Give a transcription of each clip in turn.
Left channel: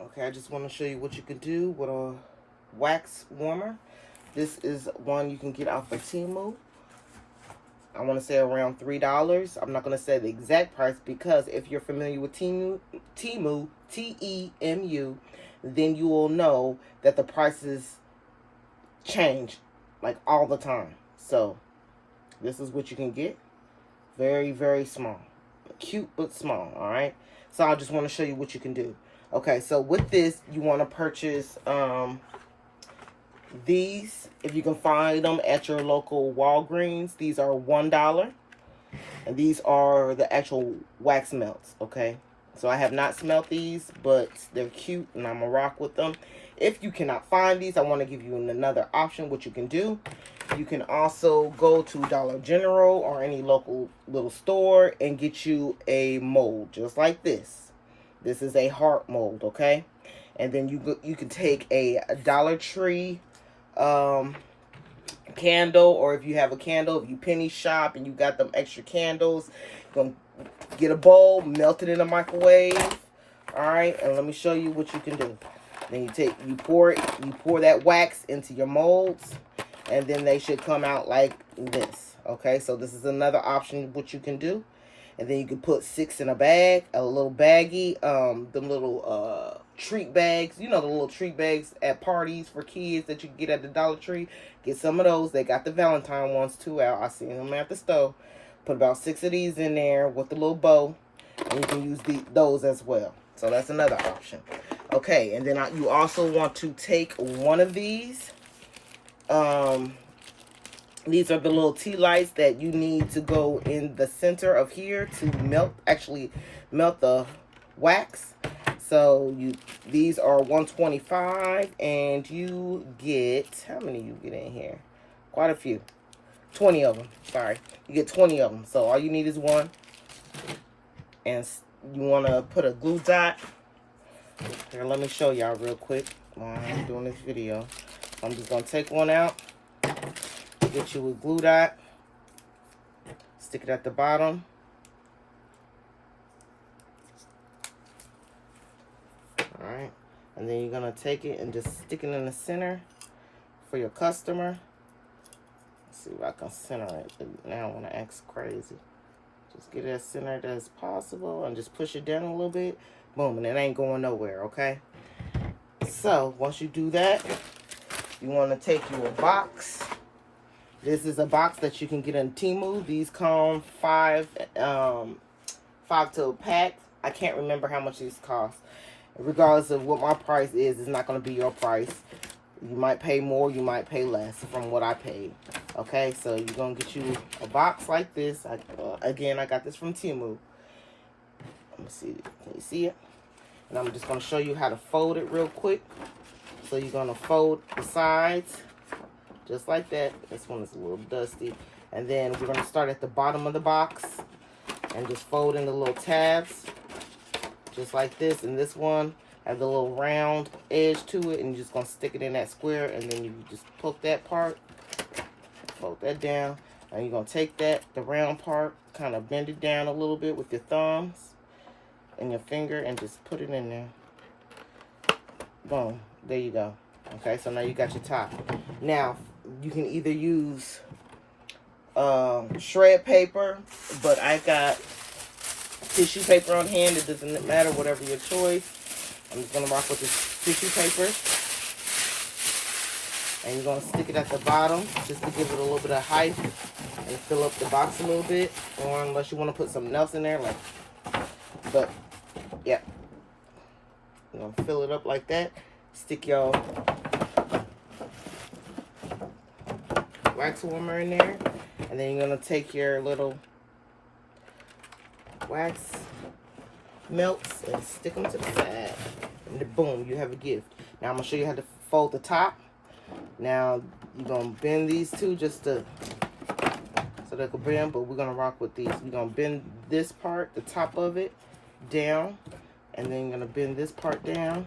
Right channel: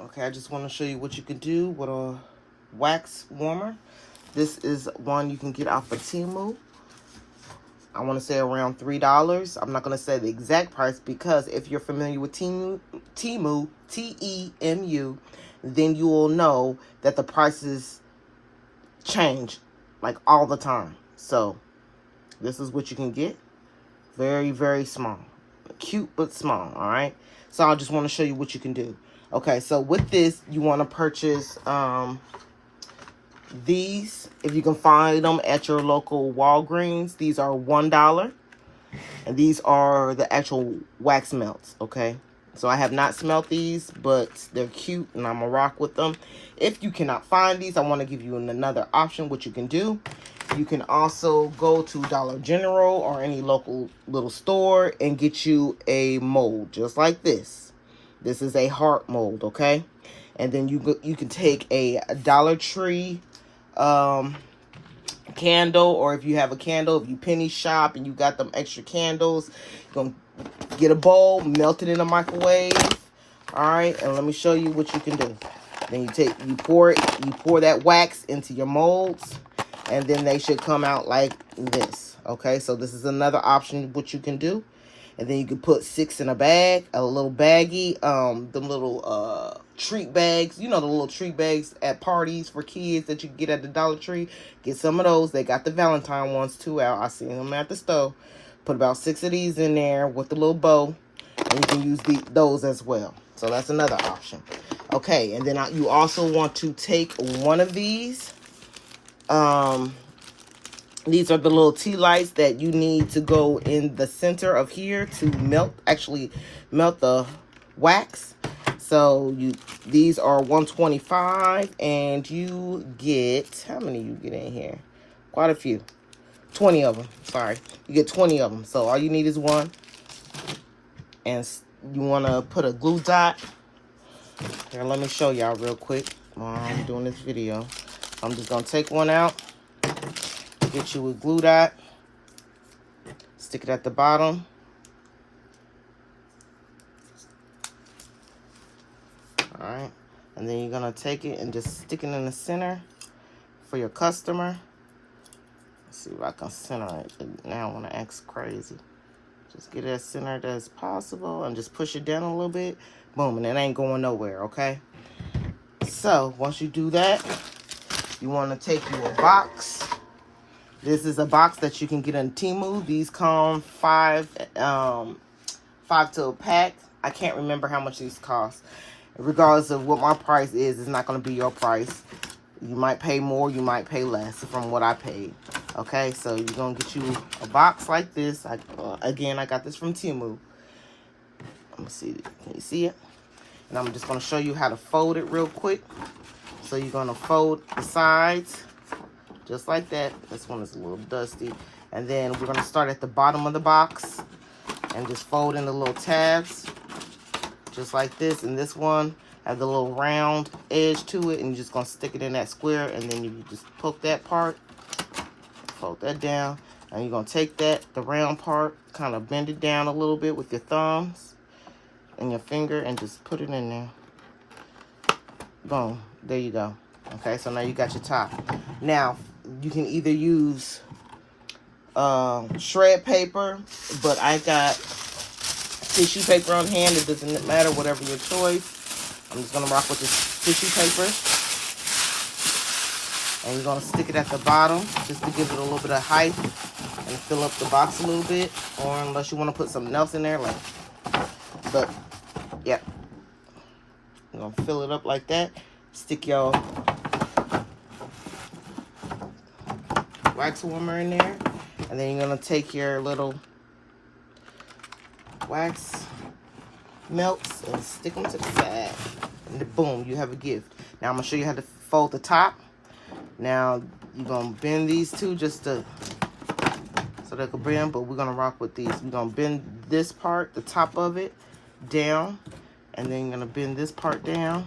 Okay, I just want to show you what you can do with a wax warmer. This is one you can get off of Temu. I want to say around $3. I'm not going to say the exact price because if you're familiar with Temu, T-E-M-U, then you will know that the prices change like all the time. So this is what you can get. Very, very small. Cute, but small, all right? So I just want to show you what you can do. Okay, so with this, you want to purchase these. If you can find them at your local Walgreens, these are $1. And these are the actual wax melts, okay? So I have not smelt these, but they're cute, and I'm going to rock with them. If you cannot find these, I want to give you another option, what you can do. You can also go to Dollar General or any local little store and get you a mold, just like this. This is a heart mold, okay? And then you can take a Dollar Tree candle, or if you have a candle, if you penny shop and you got them extra candles, you're gonna get a bowl, melt it in a microwave. All right, and let me show you what you can do. Then you pour that wax into your molds, and then they should come out like this. Okay, so this is another option what you can do. And then you can put 6 in a bag, a little baggie, them little treat bags. You know, the little treat bags at parties for kids that you can get at the Dollar Tree. Get some of those. They got the Valentine ones too out. I seen them at the store. Put about 6 of these in there with the little bow. And you can use those as well. So that's another option. Okay, and then you also want to take one of these. These are the little tea lights that you need to go in the center of here to actually melt the wax. So these are $125, and you get, how many you get in here? Quite a few. 20 of them, sorry. You get 20 of them. So all you need is one. And you want to put a glue dot. Here, let me show y'all real quick while I'm doing this video. I'm just going to take one out. Get you a glue dot, stick it at the bottom, all right, and then you're gonna take it and just stick it in the center for your customer. Let's see if I can center it. Now I want to act crazy. Just get it as centered as possible and just push it down a little bit. Boom, and it ain't going nowhere, okay? So once you do that, you want to take you a box. This is a box that you can get in Temu. These come five to a pack. I can't remember how much these cost. Regardless of what my price is, it's not going to be your price. You might pay more, you might pay less from what I paid. Okay, so you're going to get you a box like this. Again, I got this from Temu. Let me see. Can you see it? And I'm just going to show you how to fold it real quick. So you're going to fold the sides. Just like that. This one is a little dusty. And then we're going to start at the bottom of the box and just fold in the little tabs. Just like this. And this one has the little round edge to it. And you're just going to stick it in that square. And then you just poke that part. Fold that down. And you're going to take the round part, kind of bend it down a little bit with your thumbs and your finger and just put it in there. Boom. There you go. Okay, so now you got your top. Now, you can either use shred paper, but I got tissue paper on hand. It doesn't matter, whatever your choice. I'm just going to rock with this tissue paper. And you're going to stick it at the bottom just to give it a little bit of height and fill up the box a little bit. Or unless you want to put something else in there, but yeah. You're going to fill it up like that. Stick your wax warmer in there, and then you're going to take your little wax melts and stick them to the side, and boom, you have a gift. Now I'm going to show you how to fold the top. Now you're going to bend these two just so they can bend, but we're going to rock with these. We're going to bend this part, the top of it, down, and then you're going to bend this part down.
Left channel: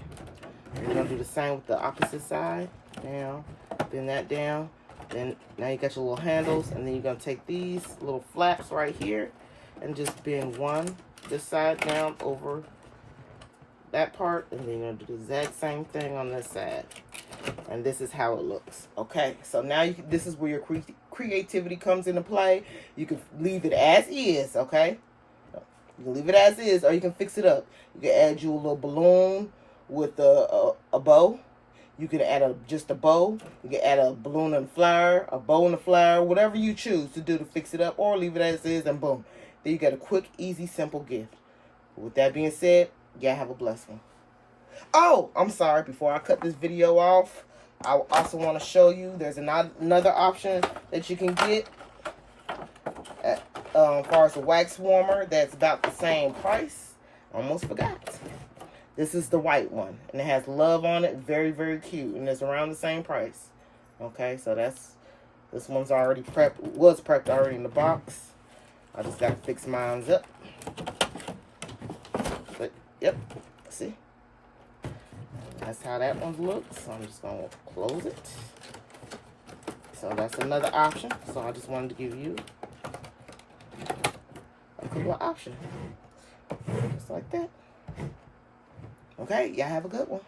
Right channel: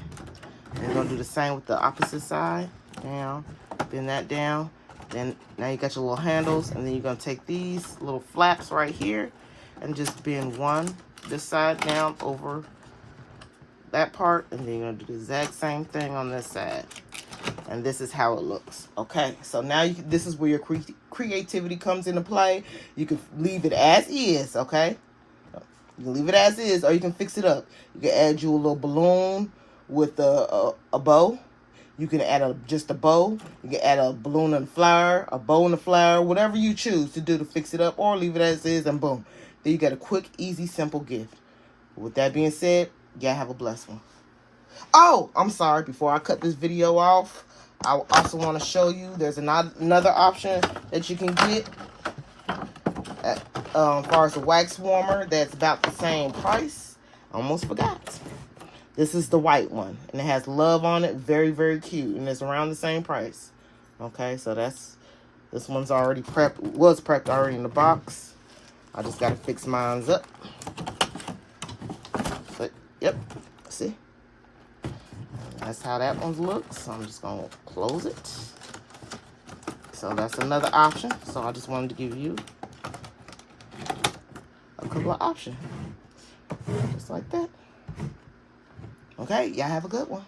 And you're going to do the same with the opposite side. Down, bend that down. Then now you got your little handles, and then you're going to take these little flaps right here and just bend one this side down over that part, and then you're going to do the exact same thing on this side. And this is how it looks. Okay, so now this is where your creativity comes into play. You can leave it as is, okay? You can leave it as is, or you can fix it up. You can add you a little balloon with a bow. You can add just a bow. You can add a balloon and a flower, a bow and a flower, whatever you choose to do to fix it up, or leave it as is, and boom. Then you got a quick, easy, simple gift. With that being said, y'all have a blessed one. Oh, I'm sorry. Before I cut this video off, I also want to show you there's another option that you can get as far as a wax warmer that's about the same price. Almost forgot. This is the white one, and it has love on it. Very, very cute, and it's around the same price. Okay, so this one's already prepped. Was prepped already in the box. I just gotta fix mine up. So, yep. See. That's how that one looks. So I'm just gonna close it. So that's another option. So I just wanted to give you a couple of options. Just like that. Okay, y'all have a good one.